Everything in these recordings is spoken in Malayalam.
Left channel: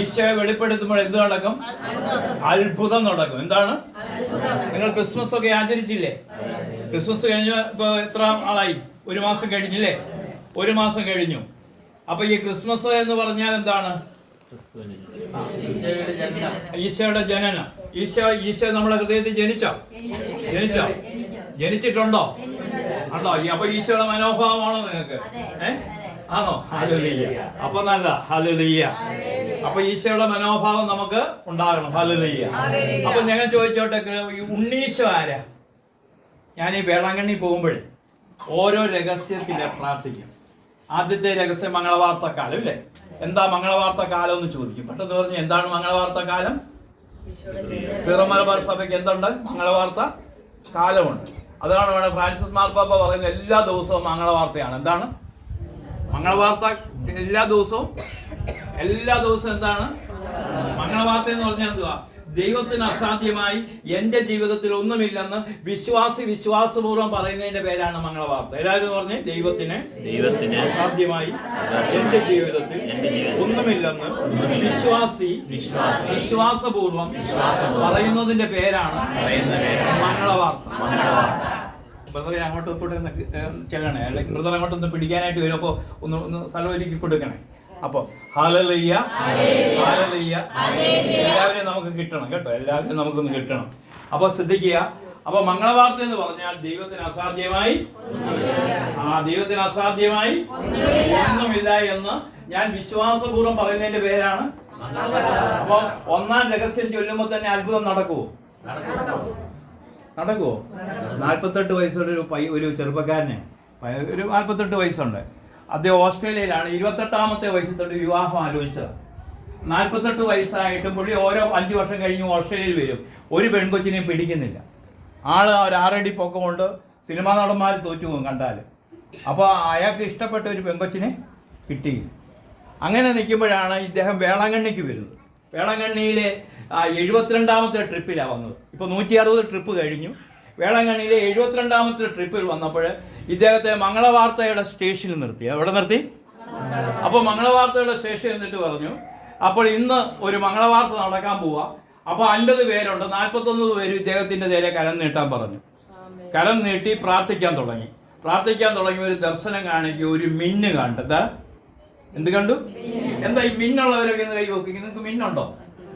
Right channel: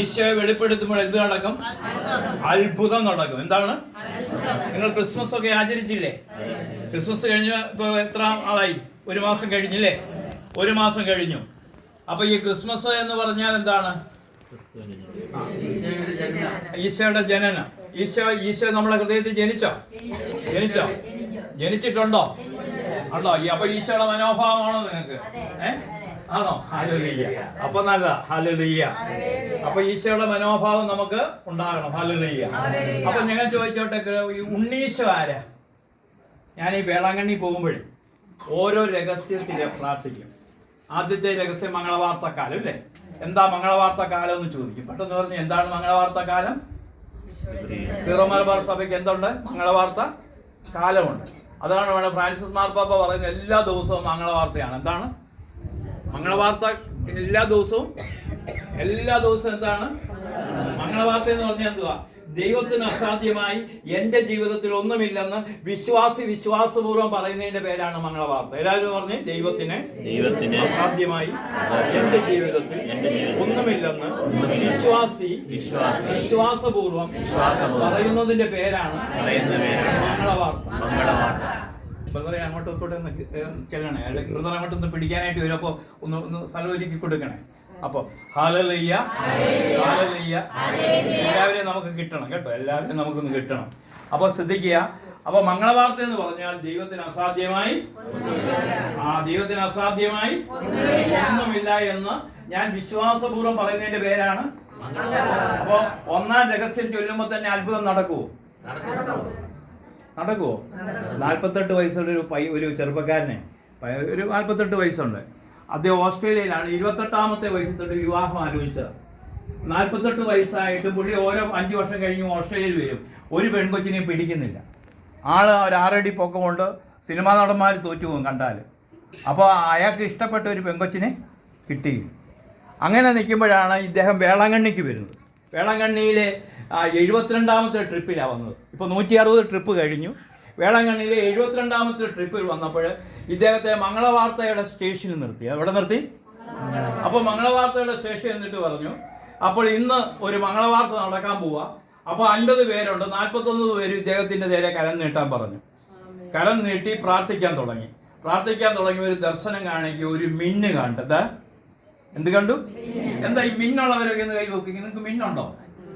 ഈശോയെ വെളിപ്പെടുത്തുമ്പോൾ എന്ത് നടക്കും? അത്ഭുതം നടക്കും. എന്താണ്? നിങ്ങൾ ക്രിസ്മസ് ഒക്കെ ആചരിച്ചില്ലേ? ക്രിസ്മസ് കഴിഞ്ഞ ഇപ്പൊ എത്ര ആളായി? 1 മാസം കഴിഞ്ഞില്ലേ? 1 മാസം കഴിഞ്ഞു. അപ്പൊ ഈ ക്രിസ്മസ് എന്ന് പറഞ്ഞാൽ എന്താണ്? ഈശോയുടെ ജനനം. ഈശോ നമ്മുടെ ഹൃദയത്തിൽ ജനിച്ചോ? ജനിച്ചിട്ടുണ്ടോ? ഉണ്ടോ? അപ്പൊ ഈശോയുടെ മനോഭാവമാണോ നിങ്ങൾക്ക്? ആണോ? ഹല്ലേലൂയ. അപ്പൊ നല്ല ഹല്ലേലൂയ. അപ്പൊ ഈശോയുടെ മനോഭാവം നമുക്ക് ഉണ്ടാകണം. ഹല്ലേലൂയ. അപ്പൊ ഞങ്ങൾ ചോദിച്ചോട്ടെ, ഉണ്ണീശോ ആരാ? ഞാൻ ഈ വേളാങ്കണ്ണി പോകുമ്പോഴേ ഓരോ രഹസ്യത്തിലെ പ്രാർത്ഥിക്കും. ആദ്യത്തെ രഹസ്യം മംഗളവാർത്ത കാലം അല്ലേ? എന്താ മംഗളവാർത്ത കാലം എന്ന് ചോദിക്കും. പെട്ടെന്ന് പറഞ്ഞ് എന്താണ് മംഗളവാർത്ത കാലം? സീറോ മലബാർ സഭയ്ക്ക് എന്തുണ്ട്? മംഗളവാർത്ത കാലമുണ്ട്. അതാണ് വേണം ഫ്രാൻസിസ് മാർപ്പാപ്പ പറയുന്നത്, എല്ലാ ദിവസവും മംഗളവാർത്തയാണ്. എന്താണ് മംഗളവാർത്ത? എല്ലാ ദിവസവും എന്താണ് മംഗളവാർത്ത എന്ന് പറഞ്ഞാൽ? എന്തുവാ? ദൈവത്തിന് അസാധ്യമായി എന്റെ ജീവിതത്തിൽ ഒന്നുമില്ലെന്ന് വിശ്വാസപൂർവ്വം പറയുന്നതിന്റെ പേരാണ് മംഗളവാർത്ത. എല്ലാവരും പറഞ്ഞേ, ദൈവത്തിന് അസാധ്യമായി എന്റെ ജീവിതത്തിൽ ഒന്നുമില്ലെന്ന് വിശ്വാസപൂർവ്വം പറയുന്നതിന്റെ പേരാണ് മംഗളവാർത്ത. ബ്രദറെ അങ്ങോട്ടും ഇങ്ങോട്ടും ചെല്ലണേ, അല്ലെങ്കിൽ ബ്രദർ അങ്ങോട്ടൊന്ന് പിടിക്കാനായിട്ട് വരും. അപ്പോൾ ഒന്ന് സ്ഥലം ഒരുക്കി കൊടുക്കണേ. അപ്പൊ ഹല്ലേലൂയ, എല്ലാവരെയും നമുക്ക് കിട്ടണം കേട്ടോ, എല്ലാവരെയും നമുക്കൊന്ന് കിട്ടണം. അപ്പൊ ശ്രദ്ധിക്കുക. അപ്പൊ മംഗളവാർത്ത എന്ന് പറഞ്ഞാൽ ദൈവത്തിന് അസാധ്യമായി ഒന്നുമില്ല എന്ന് ഞാൻ വിശ്വാസപൂർവ്വം പറയുന്നതിന്റെ പേരാണ്. അപ്പൊ ഒന്നാം രഹസ്യം ചൊല്ലുമ്പോ തന്നെ അത്ഭുതം നടക്കുവോ? 48 വയസ്സുള്ള ഒരു ചെറുപ്പക്കാരന്, ഒരു 48 വയസ്സുണ്ട്. അദ്ദേഹം ഓസ്ട്രേലിയയിലാണ്. 28ാമത്തെ വയസ്സിൽ തൊട്ട് വിവാഹം ആലോചിച്ചത്. 48 വയസ്സായിട്ടും പുള്ളി ഓരോ 5 വർഷം കഴിഞ്ഞ് ഓസ്ട്രേലിയയിൽ വരും. ഒരു പെൺകൊച്ചിനെയും പിടിക്കുന്നില്ല. ആള് ഒരു 6 അടി പൊക്കം കൊണ്ട് സിനിമാ നടന്മാർ തോറ്റുപോകും കണ്ടാൽ. അപ്പോൾ അയാൾക്ക് ഇഷ്ടപ്പെട്ട ഒരു പെൺകൊച്ചിനെ കിട്ടി. അങ്ങനെ നിൽക്കുമ്പോഴാണ് ഇദ്ദേഹം വേളാങ്കണ്ണിക്ക് വരുന്നത്. വേളാങ്കണ്ണിയിലെ 72ാമത്തെ ട്രിപ്പിലാണ് വന്നത്. ഇപ്പോൾ 160 ട്രിപ്പ് കഴിഞ്ഞു. വേളാങ്കണ്ണിയിലെ 72ാമത്തെ ട്രിപ്പിൽ വന്നപ്പോൾ ഇദ്ദേഹത്തെ മംഗളവാർത്തയുടെ സ്റ്റേഷനിൽ നിർത്തി. എവിടെ നിർത്തി? അപ്പോൾ മംഗളവാർത്തയുടെ സ്റ്റേഷൻ എന്നിട്ട് പറഞ്ഞു, അപ്പോൾ ഇന്ന് ഒരു മംഗളവാർത്ത നടക്കാൻ പോവാ. അപ്പോൾ 50 പേരുണ്ട്, 41 പേര് ഇദ്ദേഹത്തിൻ്റെ നേരെ കരം നീട്ടാൻ പറഞ്ഞു. കരം നീട്ടി പ്രാർത്ഥിക്കാൻ തുടങ്ങി. ഒരു ദർശനം കാണിക്കുക, ഒരു മിന്ന് കണ്ടത്. എന്ത് കണ്ടു? എന്താ ഈ മിന്നുള്ളവരൊക്കെ ഒന്ന് കൈ വെക്കുക. നിങ്ങൾക്ക് മിന്നുണ്ടോ?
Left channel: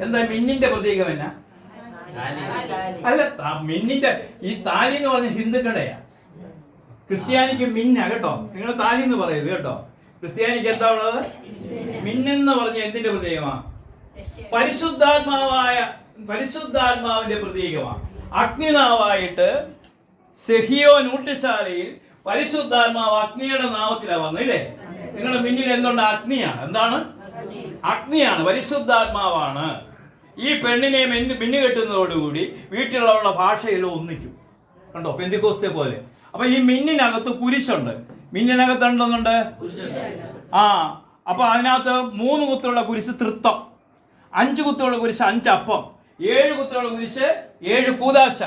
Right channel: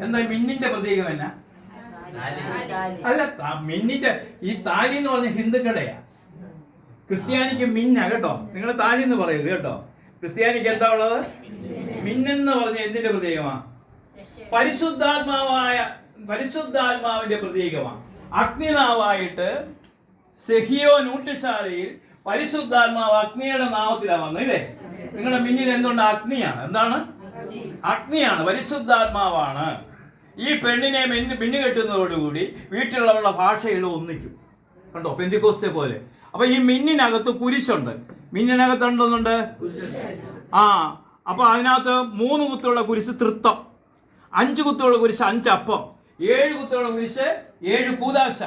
എന്താ മിന്നിന്റെ പ്രതീകം? എന്നാ? അല്ല, മിന്നിന്റെ ഈ താലി എന്ന് പറഞ്ഞ ഹിന്ദുക്കളുടെയാ. ക്രിസ്ത്യാനിക്ക് മിന്ന കേട്ടോ. നിങ്ങൾ താലി എന്ന് പറയരുത് കേട്ടോ. ക്രിസ്ത്യാനിക്ക് എന്താ ഉള്ളത്? മിന്നെന്ന് പറഞ്ഞ എന്തിന്റെ പ്രതീകമാണ്? പരിശുദ്ധാത്മാവിന്റെ പ്രതീകമാണ്. അഗ്നിനാവായിട്ട് സെഹിയോൻ ഊട്ടുശാലയിൽ പരിശുദ്ധാത്മാവ് അഗ്നിയുടെ നാമത്തിലാണ് വന്നില്ലേ? നിങ്ങളുടെ മിന്നിൽ എന്തുണ്ട്? അഗ്നിയാണ്. എന്താണ്? അഗ്നിയാണ്, പരിശുദ്ധാത്മാവാണ്. ഈ പെണ്ണിനെ മിന്നു കെട്ടുന്നതോടുകൂടി വീട്ടിലുള്ളവരുടെ ഭാഷയെല്ലാം ഒന്നിക്കും. കണ്ടോ? പെന്തിക്കോസ്തെ പോലെ. അപ്പൊ ഈ മിന്നിനകത്ത് കുരിശുണ്ട്. മിന്നിനകത്ത് എന്തൊന്നുണ്ട്? അപ്പൊ അതിനകത്ത് 3 കുത്തുള്ള കുരിശ് തൃത്വം, 5 കുത്തുള്ള കുരിശ് 5 അപ്പം, 7 കുത്തുള്ള കുരിശ് 7 കൂദാശ,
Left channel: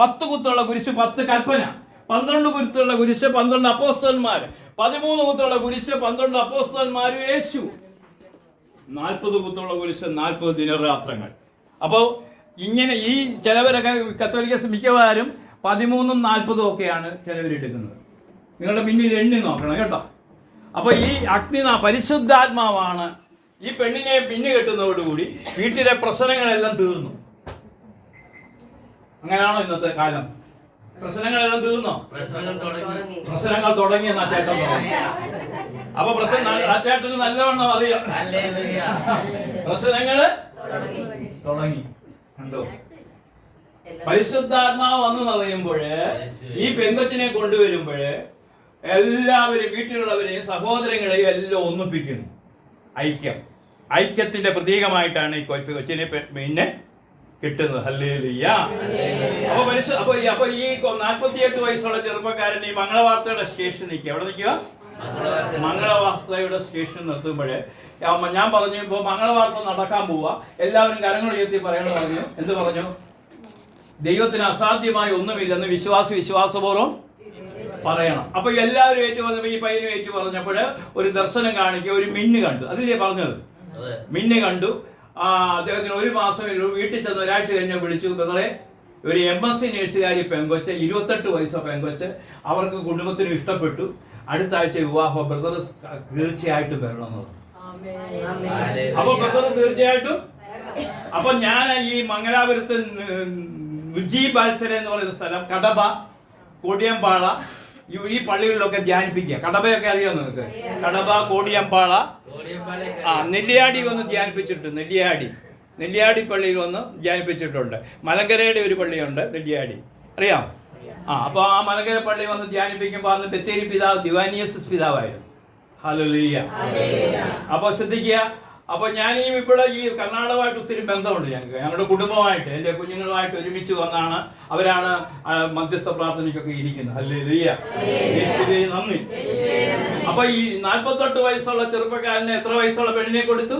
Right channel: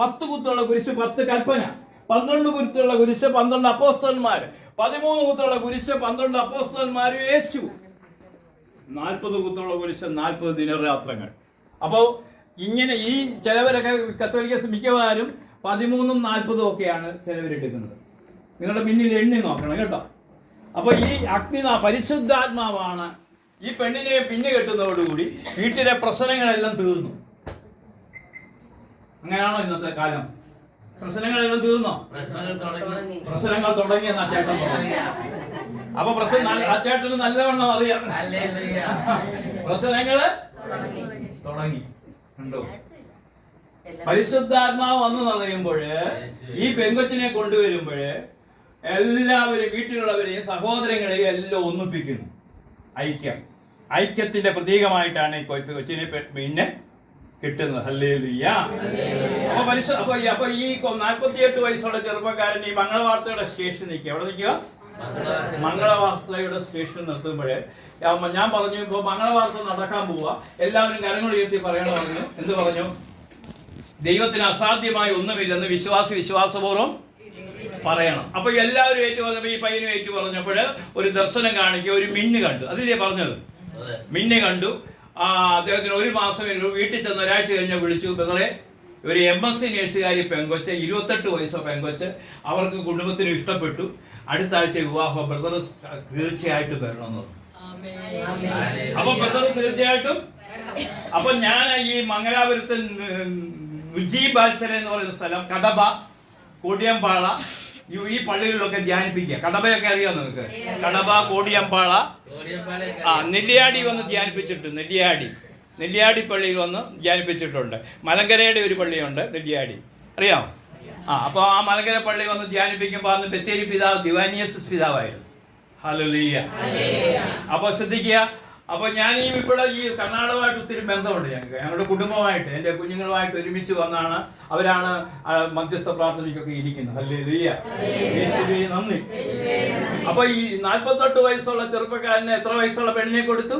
10 കുത്തുള്ള കുരിശ് 10 കൽപ്പന, 12 കുത്തുള്ള കുരിശ് 12 അപ്പോസ്തലന്മാർ, 13 കുത്തുള്ള കുരിശ് 12 അപ്പോസ്തലന്മാർ യേശു, 40 കുത്തുള്ള കുരിശ് 40 ദിനരാത്രങ്ങൾ. അപ്പോൾ ഇങ്ങനെ ഈ ചിലവരൊക്കെ കത്തോലിക്ക മിക്കവാറും 13ഉം 40ഉം ഒക്കെയാണ് ചിലവരെടുക്കുന്നത്. നിങ്ങളുടെ പിന്നിൽ എണ്ണി നോക്കണം കേട്ടോ. അപ്പോൾ ഈ പരിശുദ്ധാത്മാവാണ്. ഈ പെണ്ണിനെ പിന്നു കെട്ടുന്നതോടുകൂടി വീട്ടിലെ പ്രശ്നങ്ങളെല്ലാം തീർന്നു. അങ്ങനെയാണോ ഇന്നത്തെ കാലം? പ്രശ്നങ്ങളെല്ലാം തീർന്നോ? പ്രശ്നങ്ങൾ തുടങ്ങിയെന്നാ ചേട്ടൻ തുടങ്ങി. അപ്പൊ ആ ചേട്ടന് നല്ലവണ്ണം അറിയാം. പ്രശ്നങ്ങള് തുടങ്ങി. കണ്ടോ? പരിശുദ്ധാത്മാവ് വന്ന് പറയുമ്പോഴ്, ഈ പെങ്കൊച്ചിനെ കൊണ്ടുവരുമ്പോഴ് എല്ലാവരും, വീട്ടിലുള്ളവരെയും സഹോദരങ്ങളെയും എല്ലാം ഒന്നിപ്പിക്കുന്നു. ഐക്യത്തിന്റെ പ്രതീകമായിട്ടാണ് ഈ കൊച്ചിനെ പിന്നെ കിട്ടുന്നത്. ഹല്ലേലൂയ. അപ്പൊ ഈ 48 വയസ്സുള്ള ചെറുപ്പക്കാരൻ ഈ മംഗളവാർത്തയുടെ സ്റ്റേഷൻ നിൽക്കുക. എവിടെ നിൽക്കുക? മംഗളവാർത്തയുടെ സ്റ്റേഷൻ നിർത്തുമ്പോഴേ ഞാൻ പറഞ്ഞു, ഇപ്പോൾ മംഗളവാർത്ത നടക്കാൻ പോവുക, എല്ലാവരും കരങ്ങൾ ഉയർത്തി പറയണം പറഞ്ഞു. എന്ത് പറഞ്ഞു? ദൈവത്തിന് അസാധ്യമായി ഒന്നുമില്ലെന്ന് വിശ്വാസപൂർവ്വം പറയണം. അപ്പൊ എല്ലാവരും ഏറ്റു പറഞ്ഞപ്പോൾ ഈ പയ്യനും ഏറ്റു പറഞ്ഞപ്പോൾ ഒരു ദർശനം കാണിക്കുക, ഒരു മിന്ന് കണ്ടു. അതിലേ പറഞ്ഞത് മിന്നി കണ്ടു. അദ്ദേഹത്തിന് 1 മാസം വീട്ടിൽ ചെന്ന് ഒരാഴ്ച കഴിഞ്ഞ് വിളിച്ചു, ബ്രദറെ ഒരു MSc നേഴ്സുകാരി പെങ്കൊച്ച്, 28 വയസ്സോ പെങ്കൊച്ച്, അവർക്ക് കുടുംബത്തിന് ഇഷ്ടപ്പെട്ടു, അടുത്ത ആഴ്ച വിവാഹം, ബ്രദർ തീർച്ചയായിട്ടും വരണമെന്ന് പറഞ്ഞു. അപ്പൊ ബ്രദർ തീർച്ചയായിട്ടും. അപ്പൊ ഞാൻ ഈ മംഗലാപുരത്ത് വിജയബാൽത്തല എന്ന് പറയുന്ന സ്ഥലം, കടബ, കോടിയമ്പാള, ഈ പള്ളികളിലൊക്കെ ധ്യാനിപ്പിക്കുക. കടബയൊക്കെ അറിയാം നിങ്ങൾക്ക്? കടബ, കോടിയമ്പാള, നെല്ലിയാടി വന്ന് ധ്യാനിപ്പിച്ചിട്ടുണ്ട്. നെല്ലിയാടി പള്ളിയിൽ വന്ന് ധ്യാനിപ്പിച്ചിട്ടുണ്ട്. മലങ്കരയുടെ ഒരു പള്ളിയുണ്ട് നെല്ലിയാടി, അറിയാമോ? അപ്പോൾ ആ മലങ്കര പള്ളി വന്ന് ധ്യാനിപ്പിക്കുമ്പോൾ അന്ന് ബത്തേരി പിതാവ് ദിവാനിയസ് പിതാവായിരുന്നു. ഹല്ലേലൂയ. അപ്പോൾ ശ്രദ്ധിക്കുക. അപ്പോൾ ഞാൻ ഇവിടെ ഈ കർണാടകമായിട്ട് ഒത്തിരി ബന്ധമുണ്ട് ഞങ്ങൾക്ക്. ഞങ്ങളുടെ കുടുംബമായിട്ട്, എൻ്റെ കുഞ്ഞുങ്ങളുമായിട്ട് ഒരുമിച്ച് വന്നാണ് അവരാണ് മധ്യസ്ഥ പ്രാർത്ഥനയ്ക്കൊക്കെ ഇരിക്കുന്നത്. ഹല്ലേലൂയ, യേശുവേ നന്ദി. അപ്പോൾ ഈ 48 വയസ്സുള്ള ചെറുപ്പക്കാരന് എത്ര വയസ്സുള്ള പെണ്ണിനെ കൊടുത്തു?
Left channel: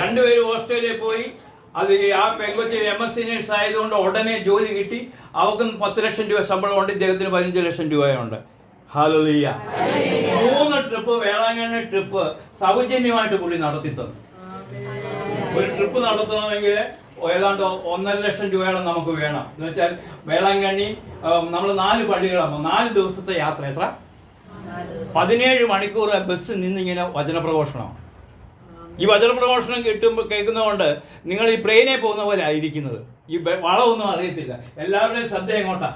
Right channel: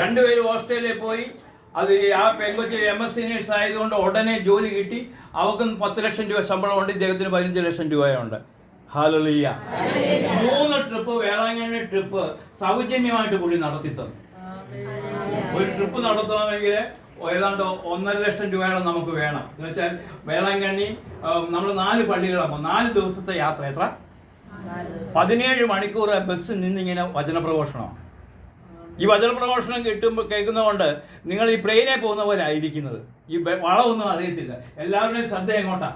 2 പേരും ഓസ്ട്രേലിയയിൽ പോയി. അത് ആ പെങ്കൊച്ച് MSc നേഴ്സ് ആയതുകൊണ്ട് ഉടനെ ജോലി കിട്ടി. അവർക്ക് 10 ലക്ഷം രൂപ ശമ്പളമുണ്ട്, ഇദ്ദേഹത്തിന് 15 ലക്ഷം രൂപയുണ്ട്. ഹല്ലേലൂയ. 3 ട്രിപ്പ്, വേളാങ്കണ്ണി ട്രിപ്പ് സൗജന്യമായിട്ട് പുള്ളി നടത്തി തന്നു. ഒരു ട്രിപ്പ് നടത്തണമെങ്കിൽ ഏതാണ്ട് 1.5 ലക്ഷം രൂപയോളം നമുക്ക് വേണം. എന്ന് വെച്ചാൽ വേളാങ്കണ്ണി നമ്മൾ 4 പള്ളികളാകുമ്പോൾ 4 ദിവസത്തെ യാത്ര, എത്ര? 17 മണിക്കൂർ ബസ്സിൽ നിന്നിങ്ങനെ വചനപ്രഘോഷണം. ഈ വചനപ്രഘോഷണം കേൾക്കുന്നതുകൊണ്ട് നിങ്ങൾ ഈ പ്ലെയിനെ പോകുന്ന പോലെ ആയിരിക്കുന്നത്. ഈ വളമൊന്നും അറിയത്തില്ല. എല്ലാവരുടെയും ശ്രദ്ധ എങ്ങോട്ടാ?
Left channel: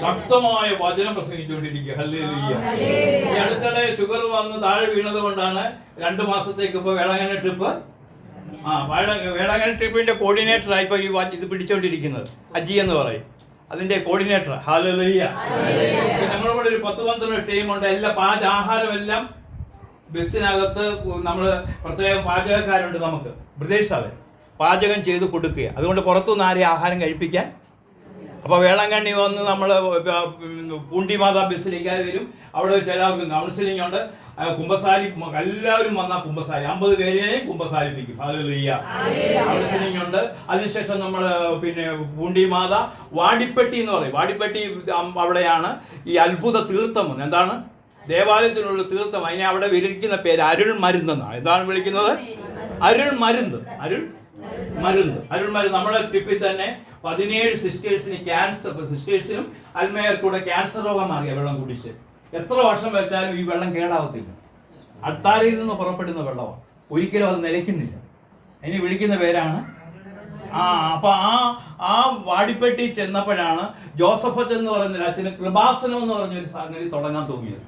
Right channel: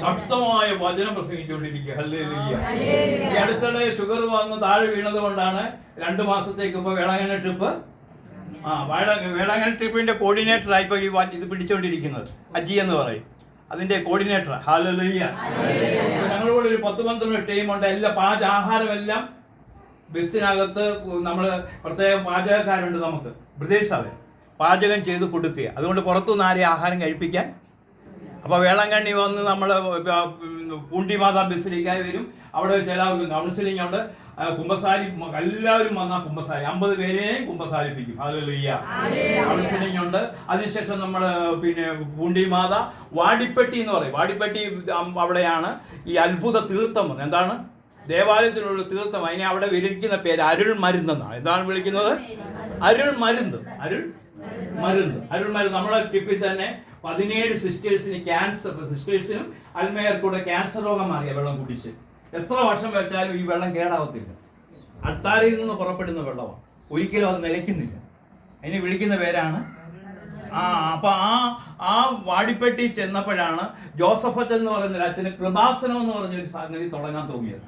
ശക്തമായ വചനം പ്രസംഗിച്ചുകൊണ്ടിരിക്കുക. ഹല്ലേലൂയ. ഈ അടുത്തിടെ ഷുഗർ വന്ന് താഴെ വീണത് കൊണ്ടാണ് 2 മാസത്തേക്ക് ഇപ്പോൾ വേളാങ്കണ്ണി ട്രിപ്പ്, വേളാങ്കണ്ണി ട്രിപ്പിന്റെ കോർഡിനേറ്ററായി ഇപ്പോൾ ഈ ഇത് പിടിച്ചോണ്ടിരിക്കുന്നത്. അജി എന്ന് പറയും, അതിന്റെ കോർഡിനേറ്റർ. ഹല്ലേലൂയ. ഞങ്ങളുടെ കൂടെ ഒരു 10-12 ടീമുണ്ട്. എല്ലാ ആഹാരമെല്ലാം ബസ്സിനകത്ത് നമ്മൾ പ്രത്യേകം പാചകക്കാരുണ്ട്. നമുക്ക് ബ്രദേഴ്സ് പാചകം ചെയ്ത് കൊടുക്കുക. അതുകൊണ്ട് പുറത്തുനിന്ന് ആരെയും ആഹാരം കഴിപ്പിക്കാൻ. അപ്പോൾ വേളാങ്കണ്ണി വന്ന് നമ്മൾ പൂണ്ടിമാതാ ബസ്സിലേക്ക് വരും. അവിടെ ചിലവർക്ക് കൗൺസിലിംഗ് ഉണ്ട്. കുമ്പസാരി, എല്ലാവരും വന്നാൽ കുമ്പസാരി, 50 പേരെയും കുമ്പസാരിപ്പിക്കും. ഹല്ലേലൂയ. കൗൺസിലിംഗ് ഉണ്ട്. അതിനുശേഷം നമ്മൾ പിന്നെ പൂണ്ടിമാത വാടിപ്പെട്ടി എന്ന് പറയും. വാടിപ്പെട്ടി അവിടെയാണ് ഈ അത്ഭുത തീർത്ഥം. എന്താണ്? ദേവാലയത്തിനുള്ള തീർത്ഥം. അതിനെ അവിടെ വിളിക്കുന്ന പേര് അരുൾ മരുന്നെന്നാണ്. എന്താണ് വിളിക്കുന്നത്? അരുൾ മരുന്ന്. നമ്മുടെ ട്രിപ്പിൽ തന്നെ 17 സിസ്റ്റേഴ്സിന് ക്യാൻസർ, സിസ്റ്റേഴ്സിനും അൽമേയർക്കൂടെ ക്യാൻസർ രോഗം മാറിയ വെള്ളം കുടിച്ച്. എത്ര വർഷം വെച്ചാലും ഈ വെള്ളം കേടാവത്തില്ല. അട്ടാരിയിൽ നിന്ന് പുറപ്പെടുന്ന വെള്ളമാണ്, ഒരിക്കലും അത് നിലയ്ക്കുന്നില്ല. അതിന് വിളിക്കുന്ന പേരാണ് അപ്പൊ ആ വാടിപ്പെട്ടി ചെന്നപ്പോഴാണ് ജോസഫ് അച്ഛൻ എന്ന് പറയുന്ന അച്ഛന് കൃപാസനം എന്ന് പറഞ്ഞൊരു സംഗതി തുടങ്ങാൻ തോന്നിയത്.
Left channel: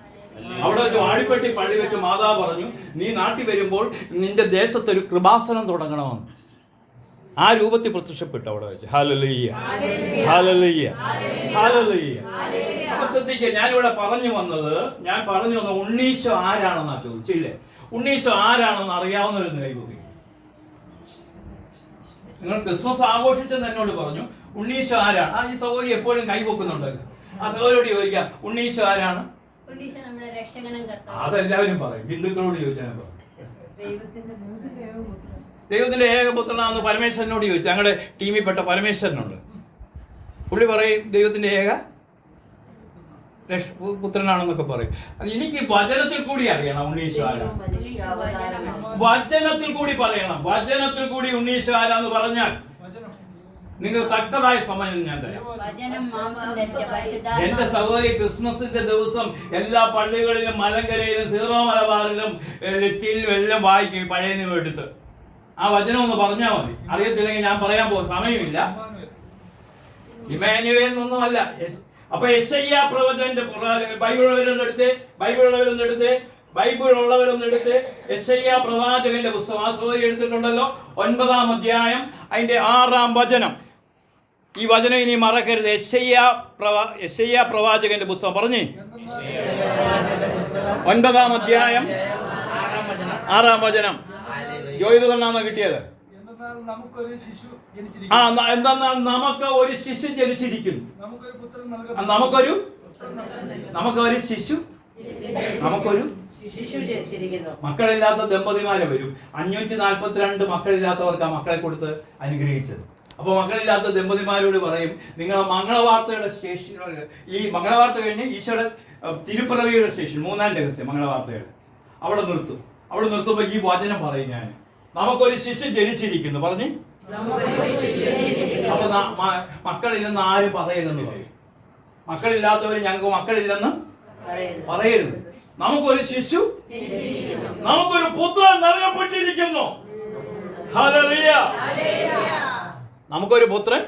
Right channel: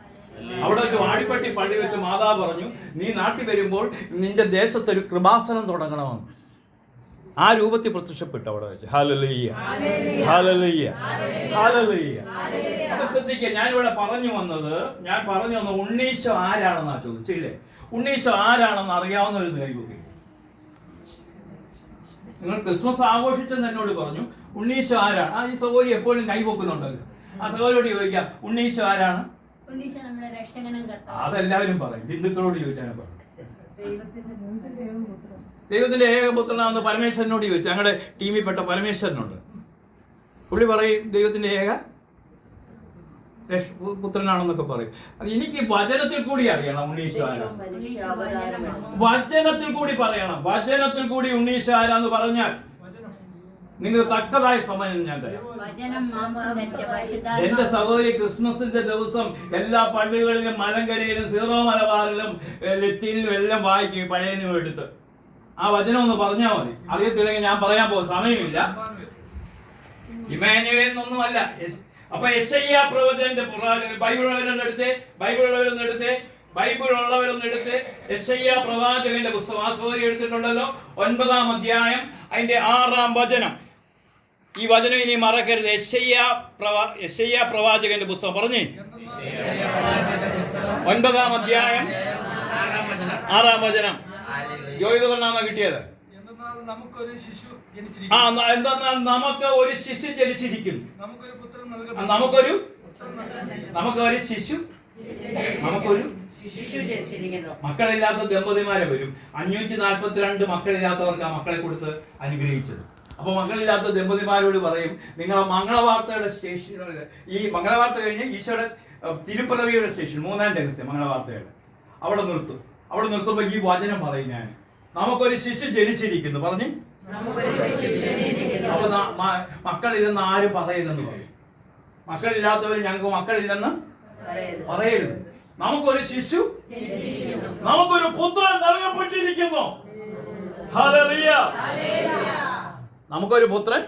അവിടെ വെച്ച് വാടിപ്പെട്ടി പള്ളി വെച്ച് മാതാവ് പറഞ്ഞു, നീ നാട്ടിൽ വരുമ്പോൾ നിന്റെ ദേശത്തൊരു കൃപാസനം തുടങ്ങണമെന്ന്. ആ രൂപത്തിൽ പ്രത്യക്ഷപ്പെട്ടു അവിടെ വെച്ച്. Hallelujah, hallelujah, hallelujah. അപ്പൊ ശ്രദ്ധിക്കുക, ഞാനിവിടെ പറഞ്ഞു വന്നത് ഉണ്ണീശോ ആരാണെന്നാ ചോദിച്ചില്ലേ? ഉണ്ണീശോ ആരാണെന്ന് അറിയാവുന്നൊരു ദൈവം. നിങ്ങൾ ക്രിസ്മസ് ആഘോഷിച്ചെന്ന് എന്നോട് പറഞ്ഞു, ഉണ്ണീശോ ആരാണ്? ഈ സഹോദരി എപ്പോഴും കൈവെക്കുന്നുണ്ടല്ലോ. ആ സഹോദരിയോട് ചോദിക്കാം, ഉണ്ണീശോ ആരാണ്? അതെല്ലാവരും പറയും. ഹിന്ദുക്കളോട് ചോദിച്ചാൽ പറയും ദൈവത്തിന്റെ ഏകപുത്രനാണെന്ന് പരമേശ്വരനോട് ചോദിച്ചു. ഞങ്ങളുടെ ടീമിൽപ്പെട്ട പരമേശ്വരനുണ്ട്. പുള്ളി പറയും ദൈവത്തിന്റെ ഏക പുത്രനാണെന്നൊക്കെ പറയും. അത് എനിക്ക് വചനത്തിൽ കൂടി അറിയണം ഉണ്ണീശോ ആരാണ്. വചനത്തിൽ കൂടി പറയണം. വചനത്തിൽ കൂടി ഉണ്ണീശോ ആരാന്ന് പറഞ്ഞാൽ നിങ്ങൾ തക്കതായ സമയം ഞാൻ തരാം. എന്റെ സഹോദരി, ക്രിസ്മസിന്റെ ദിവസം എല്ലാ പള്ളികളിലും മലങ്കരയിലും സീറോ മലബാറിലും ലെത്തിയിലും എല്ലാം വായിക്കും പഴയ നിയമം എടുത്ത്. ആ വചനം ഒന്ന് പറഞ്ഞാൽ മതി. അറിയത്തില്ലെങ്കിൽ ഞാൻ പറയാൻ പോകും, സമയമില്ല. ഇമാനുവേലൊന്നുമല്ല. അപ്പൊ യെശയ്യാ പ്രവചന്റെ ബൈബിളുള്ളവരൊന്നെടുത്ത് യെശയ്യാ പ്രവാചകന്റെ പുസ്തകം, ആ സഹോദരി എടുത്തിട്ടുണ്ടല്ലോ, 9-ാം അധ്യായം അതിന്റെ 6-ാം വചനം. ഈ വചനം ഇനി മറക്കരുത്. യെശയ്യാ പ്രവാചകന്റെ പുസ്തകം പറഞ്ഞേ, 9-ാം അധ്യായം 6-ാം വചനം. ജോയിതനാണ് കിട്ടിയത്. എന്തെന്നാൽ നമുക്ക് ഒരു ശിശു ജനിച്ചിരിക്കുന്നു, നമുക്കൊരു മക്കളില്ലാത്ത ദമ്പതിമാരെ വരും. 542 മക്കളില്ലാത്തവർക്ക് ആ മക്കളെ കൊടുത്ത് അനുഗ്രഹിച്ചത്. അപ്പോൾ മക്കളില്ലാത്ത ദമ്പതിമാരോട് പറയും, നിങ്ങളെ മംഗളവാർത്തയുടെ സ്റ്റേഷൻ, ഈ മംഗളവാർത്ത കഴിഞ്ഞ് ഈശോയുടെ തിരുപ്പിറവിയുടെ സ്റ്റേഷൻ, 3-ാം രഹസ്യം മംഗളവാർത്തയുടെ അവിടെ നിർത്തും. അവിടെ നിർത്തുമ്പോൾ ഈ വചനം പറയും ഞാൻ, നമുക്കൊരു ശിശു ജനിച്ചിരിക്കുന്നു പറഞ്ഞ്. അപ്പൊ മക്കളില്ലെന്ന് ആരും പറയരുതെന്ന് പറയും. മക്കളില്ലാത്തവർ ഞങ്ങൾക്ക് മക്കളില്ലെന്ന് പറയരുത്. നമുക്കൊരു ശിശു, നമുക്കൊരു പുത്രൻ നൽകപ്പെട്ടിരിക്കുന്നു. ഹല്ലേലൂയ. നമുക്കൊരു പുത്രൻ.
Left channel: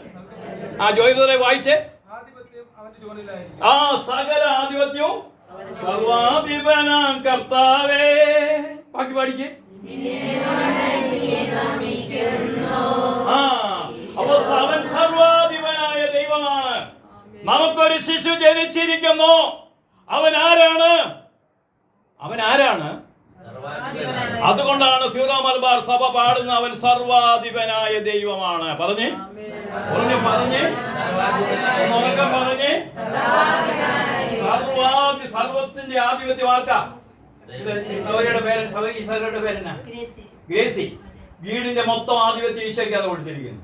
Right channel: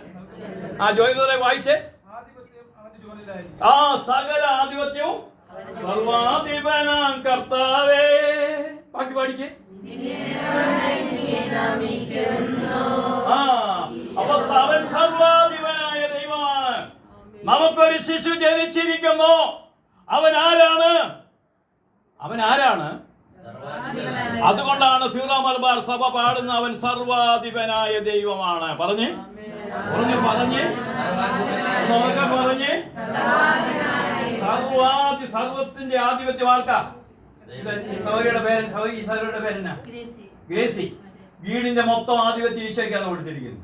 ആ ജോയ് ബ്രദറെ വായിച്ചേ. ആ സകല ആധിപത്യവും സർവാധിപനാം കർത്താവേ. ബാക്കി പാടിക്കേ. ആ അപ്പൊ അവൻ സർവാധിപനായ ദൈവമാണ്. നമുക്കൊരു ശിശു ജനിച്ചിരിക്കുന്നു. അവൻ ആരാണ്? അവൻ ആരാണ്? അതുകൊണ്ടാണ് സീറോ മലബാർ സഭ പാടുന്ന അവൻ സർവാധിപനായ ദൈവമാണ്. പറഞ്ഞേ പറഞ്ഞേ പറഞ്ഞേ ഉറക്കെ പറഞ്ഞേ. സർവത്തിന്റെ ആധിപത്യം ആർക്കാ? സൗരയുടെ പേരെന്നാ? ഗ്രേസി. വീടിന്റെ മൊത്തം ആധിപത്യം ഈശോയ്ക്കാണ് കൊടുത്തിരിക്കുന്നു.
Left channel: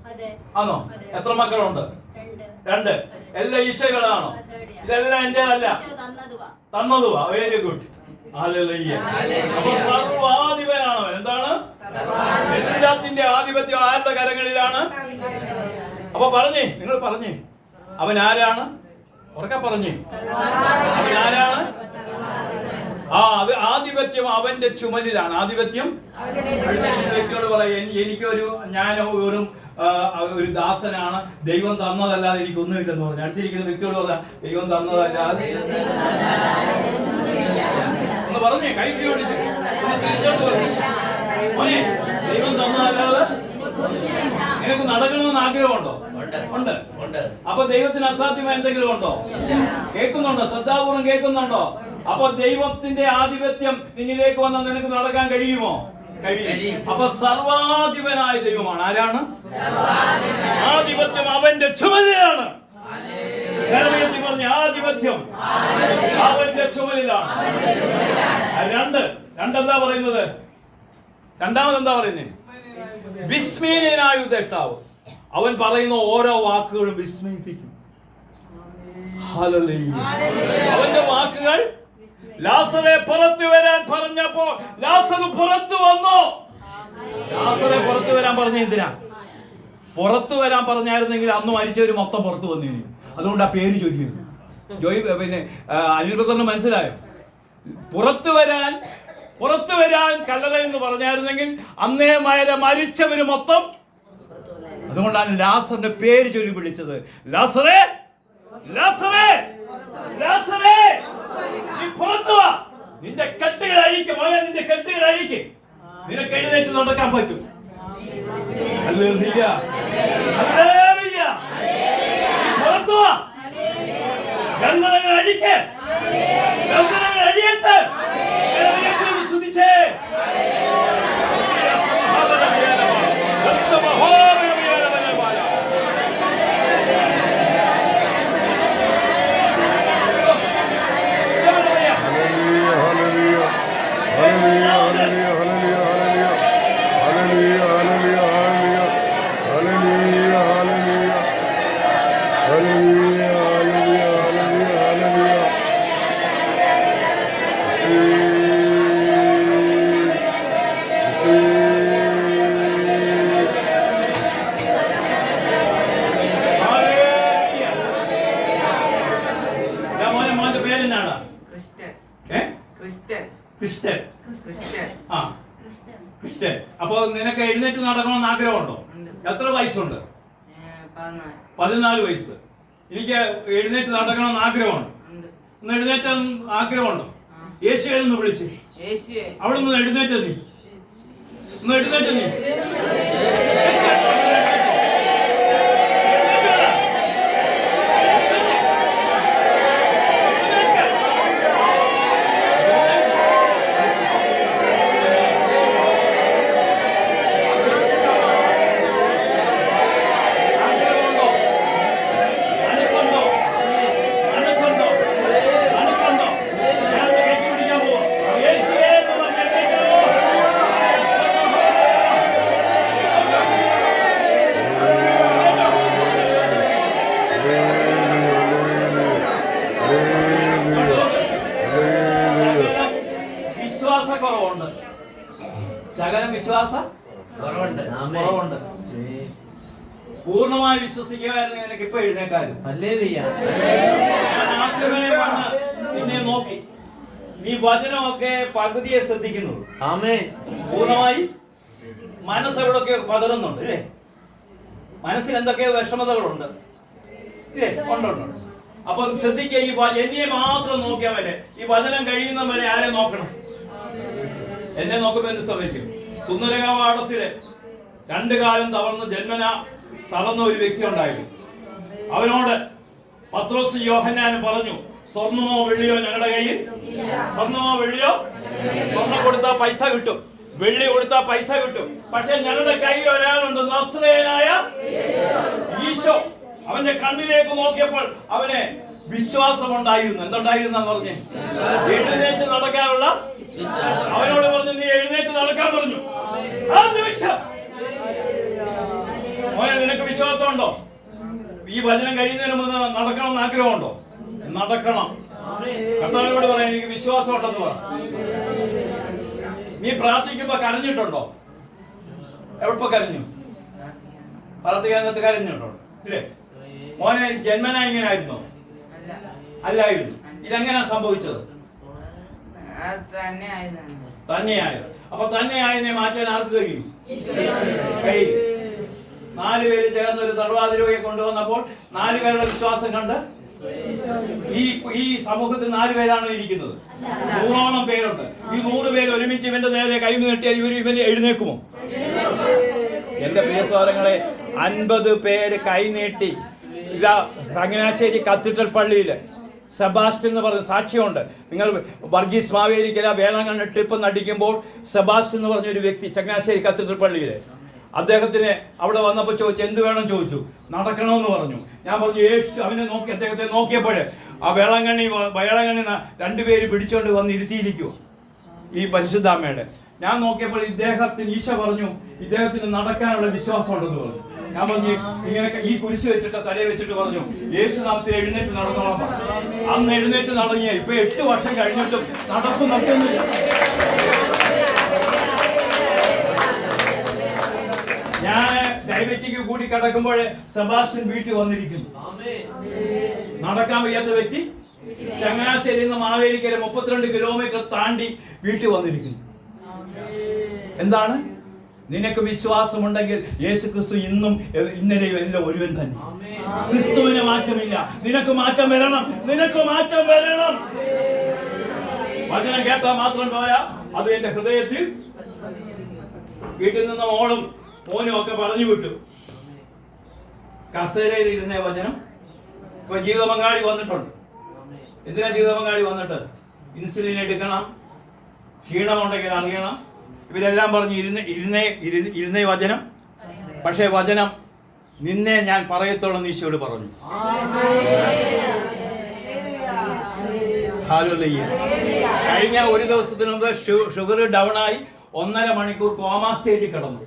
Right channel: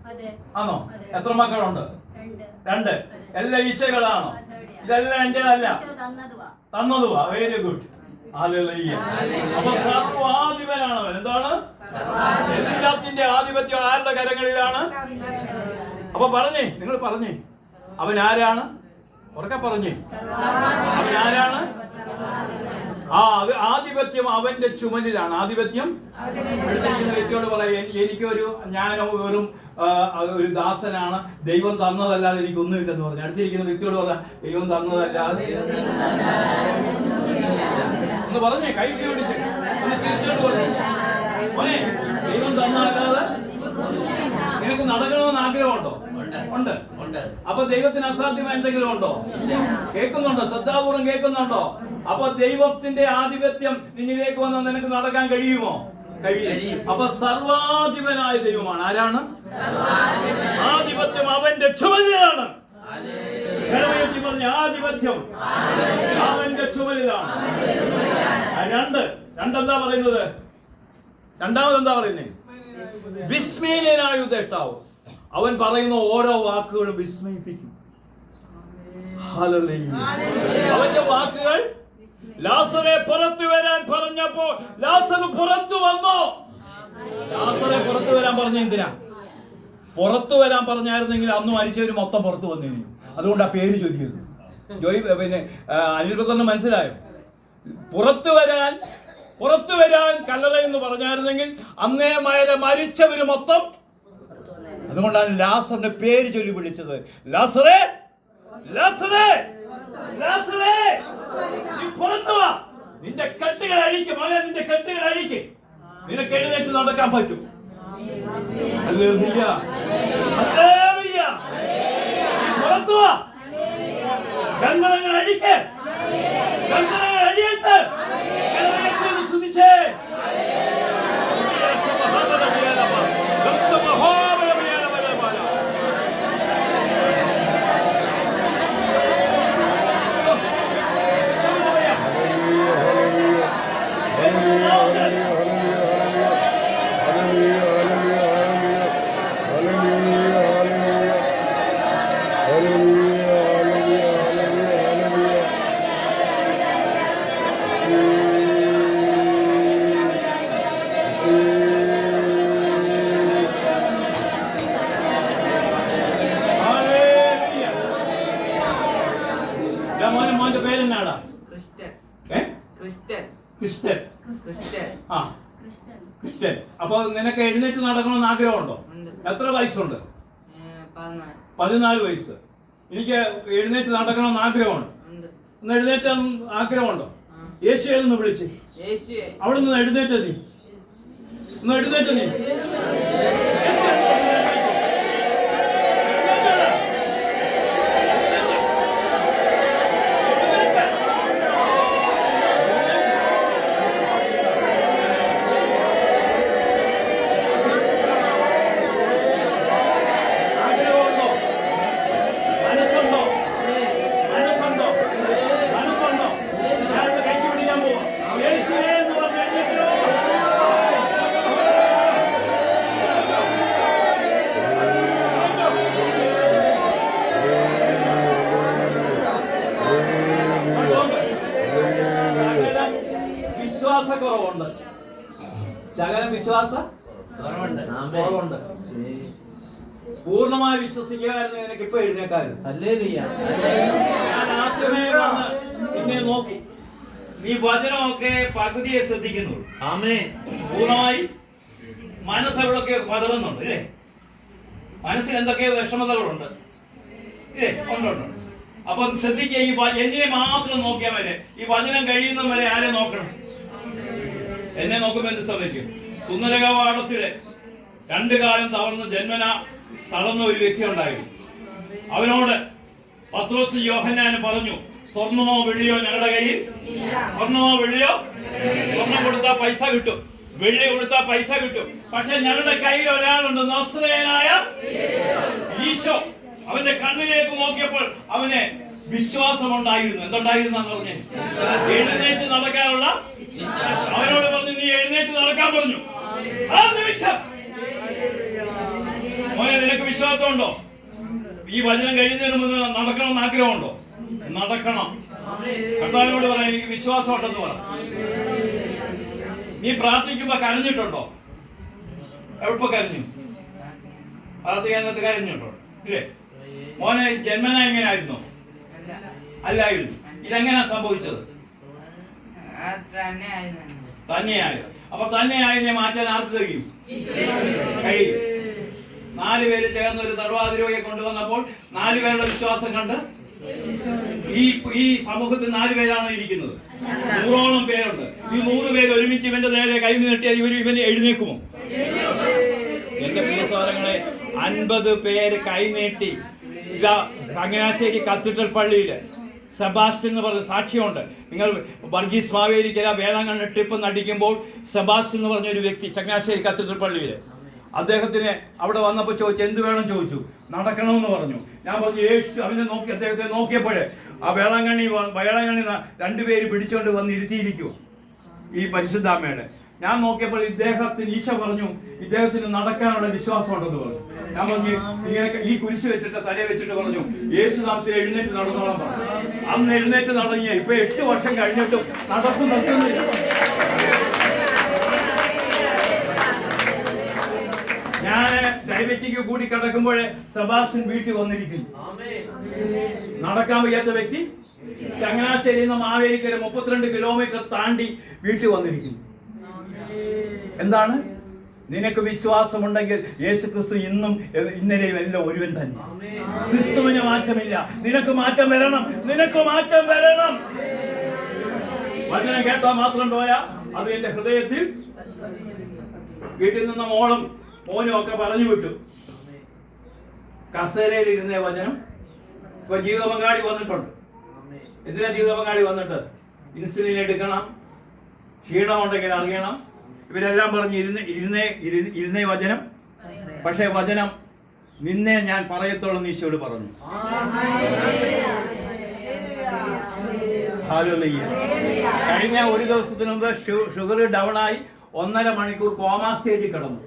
ആണോ? എത്ര മക്കളുണ്ട്? 2. എല്ലാം ഈശോകളാണോ? ഇതെല്ലാം എന്റേതല്ല, തന്നതുവാ. Very good. ഹല്ലേലൂയ. അപ്പൊ സർവാധിപനാണ് അവൻ. എന്താണ്? എല്ലാത്തിന്റെ ആധിപത്യം ആരുടെ കരങ്ങളിലാണ്? അപ്പൊ പറഞ്ഞേ, നിങ്ങൾ പറഞ്ഞേ, അവൻ ആരാണ്? ഉറക്കെ പറഞ്ഞേ, അവൻ ആരാണ്? അത് ആധിപത്യം അവന്റെ ചുമലിലാണ്. ആധിപത്യം വ്യക്തിയോട് പറയാം, ഞാൻ വെറും ഒരു ദാസനാണ്, ദൈവം തന്നതല്ലാതെ എനിക്കൊന്നുമില്ലെന്ന് പറഞ്ഞു. അടുത്തിരിക്കുന്ന വ്യക്തിയോട് പറയാം, ദൈവം തന്നതല്ലാതെ ഒന്ന് പറഞ്ഞേ, കൈ ഓടിച്ച് ചിരിച്ചോണ്ട് പറഞ്ഞു, മോനെ ദൈവം തന്നതല്ലാതെ നിനക്ക് നടക്കണമെന്ന് ആഗ്രഹമുണ്ടോ? ഉണ്ട്. അപ്പൊ ദൈവത്തിന് അസാധ്യമായ എന്തെങ്കിലും ഉണ്ടോ? കേൾക്കുന്നുണ്ടോ? ശ്രദ്ധാപൂർവം കേൾക്കുന്നുണ്ടോ? അപ്പൊ ദൈവത്തിന്റെ ആധിപത്യം നിന്നിലേക്ക് വന്നാൽ നിനക്ക് നടക്കാൻ കഴിയുമോ? കഴിയും. അപ്പൊ സർവാധിപനായ ദൈവമാണ്. ആരാണ്? ആധിപത്യം അവന്റെ ചുമലിലാണ്. പറഞ്ഞ ആധിപത്യം അവന്റെ ചുമലിലാണ്. രണ്ടെന്താ പറയുന്നത്? രണ്ടാമത് എന്താ പറയുന്നത്? വിസ്മയനായ ഉപദേഷ്ടാവ്. അവൻ പറയുന്ന ഓരോ വാക്കുകളും വിസ്മയിപ്പിക്കും. ഹല്ലേലൂയ. അവന്റെ വാക്കുകൾ, ലാസറെ പുറത്തു വരാൻ പറഞ്ഞപ്പോ ലാസർ പുറത്തു വന്നു. ലാസറെ പുറത്തു വരാൻ പറഞ്ഞ എന്തിനാ? പുറത്തു വരാൻ പറഞ്ഞായിരുന്നെങ്കിൽ അന്ന് മരിച്ചവര് മൊത്തം പുറത്തു വന്നിരുന്നു. അതുകൊണ്ട് ആ പേര് ചൊല്ലിയിരുന്നു. പിന്നെ അനിൽ ബ്രദറിന് മനസ്സിലായോ? പുറത്തു വരാൻ കല്ലറ എന്ന് പറഞ്ഞായിരുന്നെങ്കിൽ അന്നേ മരിച്ചവര് മൊത്തം. അതുകൊണ്ടാണ് ലാസറിന്റെ പേര് ചൊല്ലി വിളിച്ചത്. ലാസറേ, ലാസറേ, ലാസറേ, നീ പുറത്തു വാ. നിന്റെ കെട്ടുകൾ അഴിക്ക് മോനെ, നിന്റെ കെട്ടുകൾ അഴിക്ക്. നിനക്ക് എഴുന്നേറ്റ് നടക്കാൻ പറ്റും. Hallelujah, hallelujah. പുറത്തു വാ. ബന്ധനങ്ങൾ അഴിക്ക്, ബന്ധനങ്ങൾ അഴിയത്ത്. വിശ്വസിച്ചേ. ക്രിസ്ത്യൻ. അപ്പൊ നിനക്ക് എഴുന്നേറ്റ് നടക്കണമെന്ന് ആഗ്രഹമുണ്ടോ? എത്ര വയസ്സുണ്ട്? 14 വയസ്സ്. എനിക്ക് എഴുന്നേറ്റ് നടക്കണമെന്ന് ആഗ്രഹമുണ്ട്. ഒന്ന് എഴുന്നേറ്റ് ആഗ്രഹമുണ്ടോ? യേശുവെ എന്ന് വിളിച്ച് അവിടെ നിന്ന് എഴുന്നേറ്റ് നീ, ഒന്ന് എഴുന്നേറ്റ് നീ. കുറവുണ്ട്. പൂർണ്ണമായി വിശ്വസിക്കാമായിരുന്നു എനിക്ക് ഇപ്പൊ എഴുന്നേക്കായിരുന്നു. ഞാൻ ആദ്യമേ വന്ന് നിന്നെ നോക്കി. നീ വചനമൊക്കെ പകുതിയെ ശ്രദ്ധിക്കുന്നു. പൂർണ്ണമായി മനസ്സെവിടൊക്കെ പതറുന്നുണ്ട് അല്ലേ? മനസ്സിൽ എന്തൊക്കെയോ വിഷമതകളുണ്ട് ഇല്ലേ? ഉണ്ട്. അപ്പം ശ്രദ്ധിക്കുക, ഈ എന്നെ മാത്രം നോക്കിയാൽ മതി. ഈ വചനം കഴിയുന്ന വരെ ആരെ നോക്കണം? എന്നെ നോക്കുമ്പോൾ എന്ത് സംഭവിക്കും? സുന്ദരകവാടത്തില് 2 കാലം തളർന്ന് ജന്മന തളർന്ന ഒരു വ്യക്തി ഉണ്ടായിരുന്നു. അവനോട് പത്രോസ് യോഹന്നാന് പറഞ്ഞു, സ്വർണ്ണമോ വെള്ളിയോ ഞങ്ങളുടെ കയ്യിൽ. സ്വർണ്ണമോ വെള്ളിയോ? സ്വർണ്ണം കൊടുത്താൽ പൈസ കിട്ടും, വെള്ളി കൊടുത്താൽ പൈസ കിട്ടും. പക്ഷെ ഞങ്ങളുടെ കയ്യിൽ ഒരാളുണ്ട്, നസ്രയനായ ഈശോ. അവന്റെ കണ്ണിലേക്ക് നോക്കിയപ്പോൾ അവന് വിശ്വാസം ഉണ്ടായിരുന്നു. എന്തുണ്ടായിരുന്നു പറഞ്ഞേ? എഴുന്നേറ്റ് നടക്കാനുള്ള. അവനോട് പറഞ്ഞു, നീ എഴുന്നേറ്റ് നടക്കാൻ പറഞ്ഞു. ആ നിമിഷം മോനെ, നിനക്ക് വിശ്വാസമുണ്ടോ? ഈ വചനം കഴിയുന്നതിന് മുമ്പ് നടക്കണമെന്ന് ആഗ്രഹമുണ്ടോ? നടക്കണം. കർത്താവിനോട് പറയാം, എനിക്ക് വിശ്വാസം ഉണ്ടെന്ന് പറ. നീ പ്രാർത്ഥിക്കുമ്പോ കരഞ്ഞിട്ടുണ്ടോ? എവിടെ കരഞ്ഞു? പ്രാർത്ഥിക്കാൻ നേരത്ത് കരഞ്ഞിട്ടുണ്ടോ? ഇല്ലേ? മോനെ, ജന്മന ഇങ്ങനായിരുന്നോ? അല്ലായിരുന്നു. ഇതെങ്ങനെയാ സംഭവിച്ചത്? തന്നെയായോ? അപ്പൊ തന്നെയായതിനെ മാറ്റാൻ ആർക്ക് കഴിയും? കഴിയും. 4 പേര് ചേർന്ന് ഒരു തടവാതിരോയെ കൊണ്ടുവന്നപ്പോൾ 4 പേരുടെ വിശ്വാസം കണ്ട് ഈ സമൂഹത്തിൽ 4 പേരാണ് ഇരിക്കുന്നത്. 100ഓളം പേരുണ്ട്. ഈ 100 പേര് ഒരുമിച്ച് ഇവന്റെ നേരെ കൈ നീട്ടിയാൽ ഇവന് എഴുന്നേക്കുമോ? എന്റെ പ്രിയ സഹോദരങ്ങളെ, 50 പേര് കൈ നീട്ടി. ഇതാ ചങ്ങനാശ്ശേരി കത്തീഡ്രൽ പള്ളിയില് സെബാസ്റ്റ്യൻ എന്ന് പറഞ്ഞ സാക്ഷ്യമുണ്ട്. നിങ്ങൾ വർഗീസ് മാവേലിക്കര വേളാങ്കണ്ണി ട്രിപ്പ് നടിക്കുമ്പോൾ സെബാസ്റ്റ്യൻ എന്ന് പറഞ്ഞൊരു വ്യക്തി ചങ്ങനാശ്ശേരി കത്തീഡ്രൽ പള്ളിയില്, അദ്ദേഹത്തിന് അവിടെ വന്നപ്പോൾ ചോദിച്ചു, എന്ത് വേണം ചോദിച്ചു. നടക്കണമെന്ന് പറഞ്ഞു. ഞാൻ പറഞ്ഞു യേശു. അവനെ നോക്കി, അദ്ദേഹത്തെ നോക്കിയപ്പോഴേ ആ വേളാങ്കണ്ണി 2 പേര് പിടിച്ചോണ്ട് വന്ന് ഇരുത്തിയിരിക്കൂ ഈ പരിശുദ്ധാമ്മയുടെ. ഞാൻ നോക്കിയപ്പോൾ ഇദ്ദേഹത്തിന് ഈശോ പറഞ്ഞു, ഇദ്ദേഹത്തിന് നടക്കാനുള്ള വിശ്വാസം ഉണ്ടെന്ന് പറഞ്ഞു. ഞാൻ പറഞ്ഞു, ഇങ്ങനെ ഈ കുരിശ് വെച്ചിട്ട് തലയിൽ വെച്ചിട്ട് പറഞ്ഞു, യേശു നാമത്തിൽ എഴുന്നേറ്റ് നടന്നോളാം പറഞ്ഞു. അന്ന് എഴുന്നേറ്റ് നടങ്ങിയ ഇപ്പൊ 8 വർഷം കഴിഞ്ഞിട്ടും നടക്കും നടക്കുന്നില്ല. ഞാൻ ഡയബറ്റിക് കൂടി കിടക്കുമ്പോഴേ സെബാസ്റ്റ്യൻ വീട്ടിൽ വന്നിരിക്കുന്നു. നടക്കാൻ വയ്യാത്ത വ്യക്തി ചങ്ങനാശ്ശേരി നിന്ന് മാവേലിക്കര 32 കിലോമീറ്റർ താണ്ടി വീട്ടിൽ വന്നിരിക്കുന്നു. എന്താണ്? നിനക്ക് വിശ്വാസമുണ്ടെങ്കിൽ യേശു ക്രിസ്തു ഇന്നും ഇന്നലെയും എല്ലാം ഒരുവൻ തന്നെ. ക്രിസ്തുവിന് മാറ്റമില്ല. നിനക്ക് മാറ്റം വരണം. നിനക്ക് മാറ്റം വരണം. വചനം കേട്ടാൽ മാത്രം പോരാ, അത് എന്റെ ഹൃദയത്തിൽ. വീട്ടിൽ നിന്ന് മോനും ഒക്കെ പറഞ്ഞു വിട്ടു. കസേരയിൽ ഇരുന്ന വചനം. ഇപ്പൊ ജീവിത പങ്കാളി വന്നിട്ടുണ്ട്. എന്തിനാ ജീവിത പങ്കാളി വന്നിട്ട്? ഇൻസുലിൻ എടുക്കണം, ക്ഷീണമുണ്ടെങ്കിൽ അറിയണം. ഇവരെല്ലാം പറഞ്ഞു ഇരുന്നേ വചനം. പക്ഷേ വചനം നിന്നെ ഞാൻ പറയത്തോളം ഈശോയോട് പറഞ്ഞു. ഹല്ലേലൂയ. കഴിഞ്ഞ ഒരു ദിവസത്തിന് മുമ്പ് ഷുഗർ ഡൗൺ ആയി 1.5 മണിക്കൂർ കോമ സ്റ്റേജിൽ കിടന്നു.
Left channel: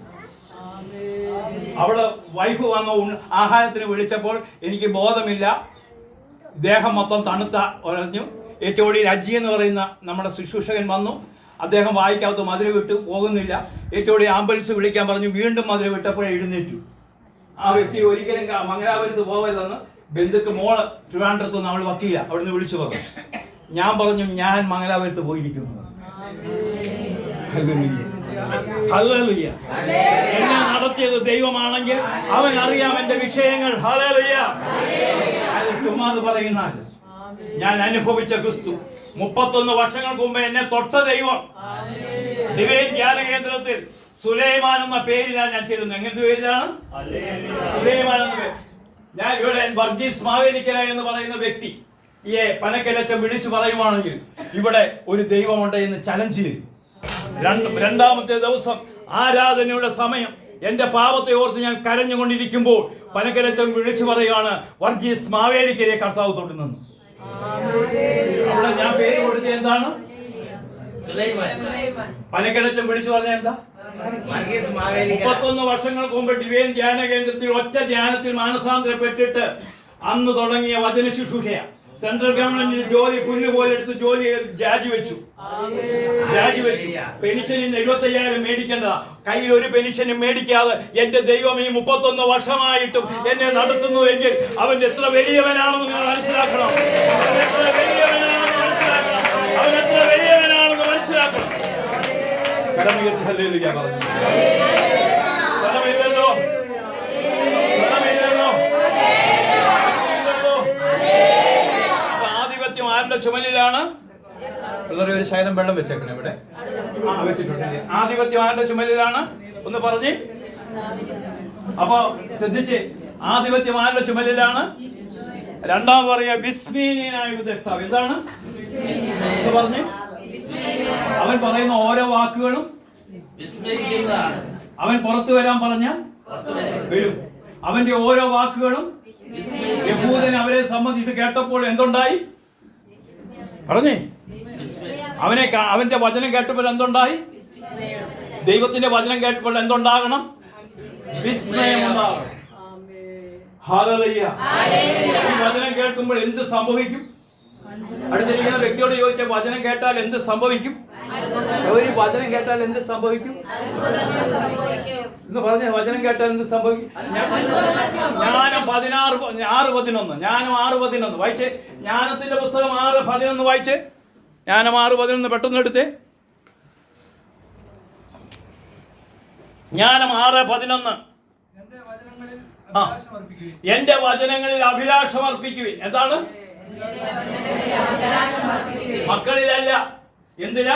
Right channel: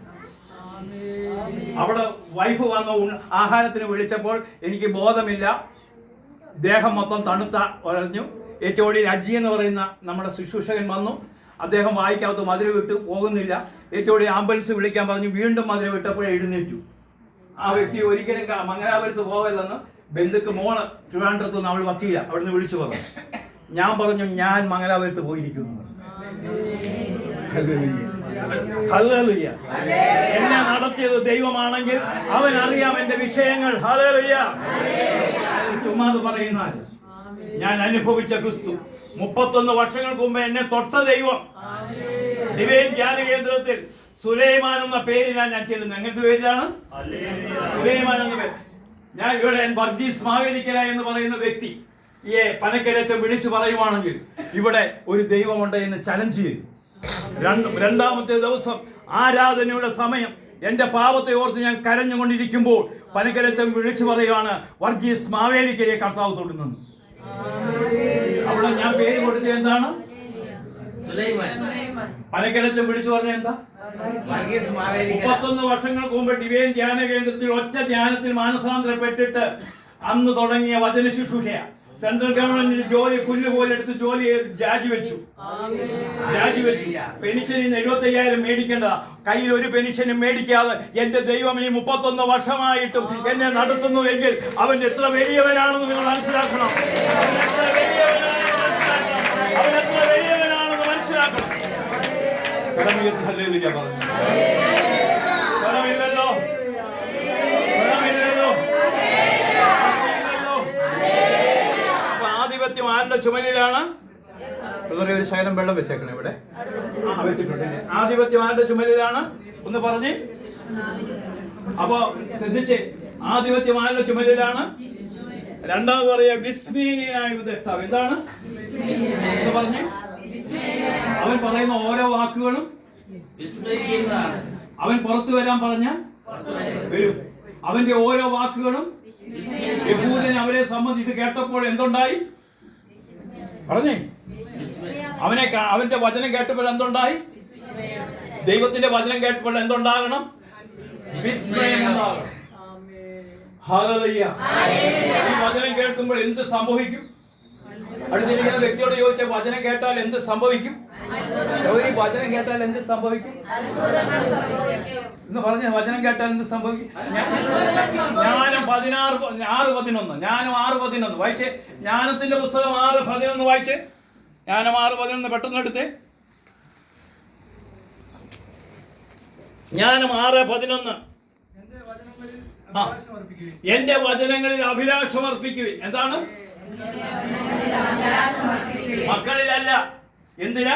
അവിടെ വൈഫ് വന്ന ആഹാരത്തിന് വിളിച്ചപ്പോൾ എനിക്ക് ബോധമില്ല. ദേഹം മൊത്തം തണുത്ത ഉറഞ്ഞു. ഏറ്റവും ഒടുവിൽ അജി എന്ന് പറയുന്ന നമ്മുടെ ശുശ്രൂഷകൻ വന്നു. അദ്ദേഹം വായിക്കകത്ത് മധുരം വിട്ടു പോകുന്നില്ല. ഏറ്റവും ഒടുവിൽ ആംബുലൻസ് വിളിക്കാൻ പറഞ്ഞു. വീണ്ടും മധുരം വിട്ടപ്പോൾ എഴുന്നേറ്റു. ആ വ്യക്തി ഒരിക്കലും മംഗലാപുരത്ത് പോവല്ലെന്ന് ബന്ധുക്ക് മോള് ട്രിവാൻഡ്രത്ത് നിന്ന് അവൾ വക്കീല അവിടുന്ന് വിളിച്ചു പറഞ്ഞു. ഞാൻ പറഞ്ഞു, ഞാൻ മംഗലാപുരത്ത് പോയിരിക്കുന്നു. ഹല്ലേലൂയ. എന്നെ നടത്തിയത് ദൈവമാണെങ്കിൽ അവൻ അറിയാം എന്റെ വിഷയങ്ങൾ. ഹല്ലേലൂയ. ചുമ്മാത് പറയുന്ന ഞാൻ അനുഭവിച്ച ക്രിസ്തു 31 വർഷങ്ങൾക്ക് മുമ്പ് എന്നെ തൊട്ട ദൈവം. ഡിവൈൻ ധ്യാന കേന്ദ്രത്തിൽ സുലൈമാൻ എന്ന പേരിലാണ് ഞാൻ ചെല്ലുന്നത്. എങ്ങനത്തെ പേരിലാണ്? സുലൈമാൻ എന്ന പേര്. ഞാൻ ഇവിടെ വർഗീസ് മാവേലിക്കര എന്ന് പറയുന്ന വ്യക്തി ഈ പനക്കലച്ചം വിളിച്ചു പറയുവാണെങ്കിൽ ഇവിടെ ഒരു ദൈവമുണ്ട് എന്ന് ചലഞ്ച് ചെയ്തു. 2ാമത്തെ ദിവസം ആരാധനയുടെ സമയം. എന്റെ പാപത്തെ ഓർത്ത് ഞാൻ കരഞ്ഞുകൊണ്ടിരിക്കുമ്പോൾ പനക്കലച്ചം വിളിച്ചു പറയുകയാണ്, വർഗീസ് മാവേലിക്കരയെ കർത്താവ് തൊടുന്നു. അവിടെ ഞാൻ പേര് കൊടുത്ത എന്താണ്? പനക്കലച്ചം വിളിച്ചു പറഞ്ഞ എന്താ? 31 വർഷങ്ങൾക്ക് മുമ്പ് ഡിവൈൻ ധ്യാന കേന്ദ്രത്തിൽ ഒറ്റ ധ്യാനത്തിൽ മാനസാന്തരപ്പെട്ടിട്ട് അന്ന് തുടങ്ങിയ വചന ശുശ്രൂഷയ. സെൻട്രൽ ഗവൺമെന്റിന് ജോലി പുല്ലുപോലെ എടുത്ത് ജോലി രാജിവെച്ചു. പെൻഷനിൽ 75,000 മേടിക്കേണ്ട, കയ്യിൽ ഒരു പെൻഷനും മേടിക്കാതെ എന്റെ ദൈവം ഈ 31 വർഷമായിട്ടും എന്നെ നടത്തുന്നു എങ്കിൽ അവൻ എത്ര വലിയവനാണെന്ന് നിങ്ങൾ മനസ്സിലാക്കണം. അവൻ എത്ര വലിയവനാണെന്ന് മനസ്സിലാക്കണം. സ്വരമില്ലല്ലോ. ആധിപത്യം ആരുടെ ചുമലിലാണ്? ഒരു ശകലം വെള്ളം വെച്ചേക്കണം ഇവിടെ. വെച്ചിട്ടുണ്ട്. ആധിപത്യം ആരുടെ ചുമലിലാണ്? ഒന്ന് പറഞ്ഞ്. അപ്പൊ ശ്രദ്ധിച്ച്, ആധിപത്യം ആരുടെ ചുമലിലാണ്? രണ്ടാമത് പറയാ വിസ്മീയനായ ഉപദേഷ്ടാവ്. എന്താണ് പറഞ്ഞ്? അവൻ പറയുന്ന ഓരോ വാക്കുകളും അവൻ പുറത്തു വരാൻ പറഞ്ഞാൽ വരും. അവന്റെ ഓരോ വാക്കുകളും യഹൂദൻ അവരെ സംബന്ധിച്ച് കേട്ടപ്പോൾ എന്തുണ്ടായി? പറഞ്ഞേ. അവന്റെ വചനം കേട്ടപ്പോൾ എന്തുണ്ടായി? ദൈവത്തിന്റെ വചനം കേട്ടപ്പോൾ എന്തുണ്ടാകണം? വിസ്മയം ഉണ്ടാകണം. ഹല്ലേലൂയ. ഈ വചനം കേൾക്കുമ്പോൾ എന്ത് സംഭവിക്കും? അടുത്തിരിക്കുന്ന വ്യക്തിയോട് ചോദിച്ച വചനം കേട്ടാൽ എന്ത് സംഭവിക്കും? ഈ വചനം കേട്ടാൽ എന്ത് സംഭവിക്കും എന്ന് പറഞ്ഞ വചനം കേട്ടാൽ എന്ത് സംഭവിക്കും? ജ്ഞാനം 6:11. ജ്ഞാനം 6:11 വായിച്ചേ. ജ്ഞാനത്തിന്റെ പുസ്തകം 6:11 വായിച്ചേ. ജ്ഞാനം 6:11 പെട്ടെന്ന് എടുത്തേ. ജ്ഞാനം 6:11. എന്റെ വചനങ്ങളിൽ അഭിലാഷം അർപ്പിക്കുവിൻ. എന്താണ്? മക്കളിലല്ല, എന്തിനാ?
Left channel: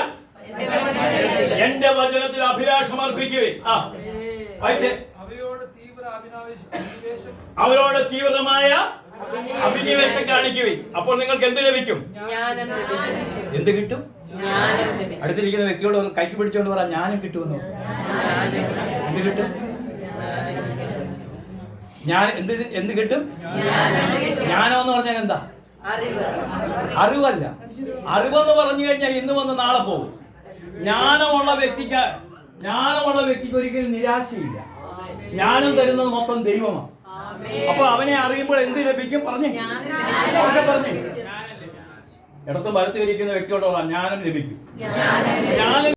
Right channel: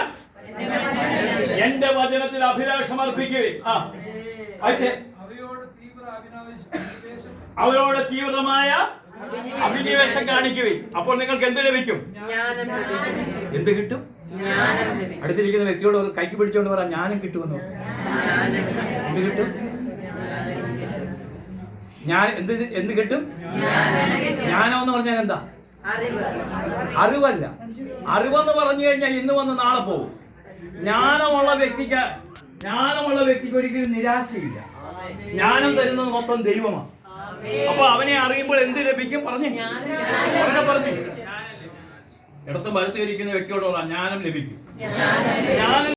എന്റെ വചനത്തിൽ അഭിലാഷം അർപ്പിക്കുവിൻ. അവരോട് തീവ്രമായ അഭിനിവേശം കാണിക്കുവിൻ. അപ്പോൾ നിങ്ങൾക്ക് എന്ത് ലഭിക്കും? എന്ത് കിട്ടും? അടുത്തിരിക്കുന്ന വ്യക്തിയോട് കൈക്ക് പിടിച്ചോണ്ട് പറ, ജ്ഞാനം കിട്ടുമെന്നോ. എന്ത് കിട്ടും? ഞാൻ എന്ത് കിട്ടും? ജ്ഞാനം എന്ന് പറഞ്ഞാൽ എന്താ? അറിവല്ല. അറിവെന്ന് പറഞ്ഞു കഴിഞ്ഞാൽ ഇന്ന് വന്ന് നാളെ പോകും. ജ്ഞാനമുള്ള വ്യക്തിക്ക് ഒരിക്കലും നിരാശയില്ല. ജ്ഞാനം തരുന്നത് മൊത്തം ദൈവമാണ്. അപ്പൊ അവനെ അറിയുമ്പോൾ എന്ത് ലഭിക്കും? പറഞ്ഞു. ഇടത്തും വലത്തും ഇരിക്കുന്ന വ്യക്തിയോട് ജ്ഞാനം ലഭിക്കും. ജ്ഞാനം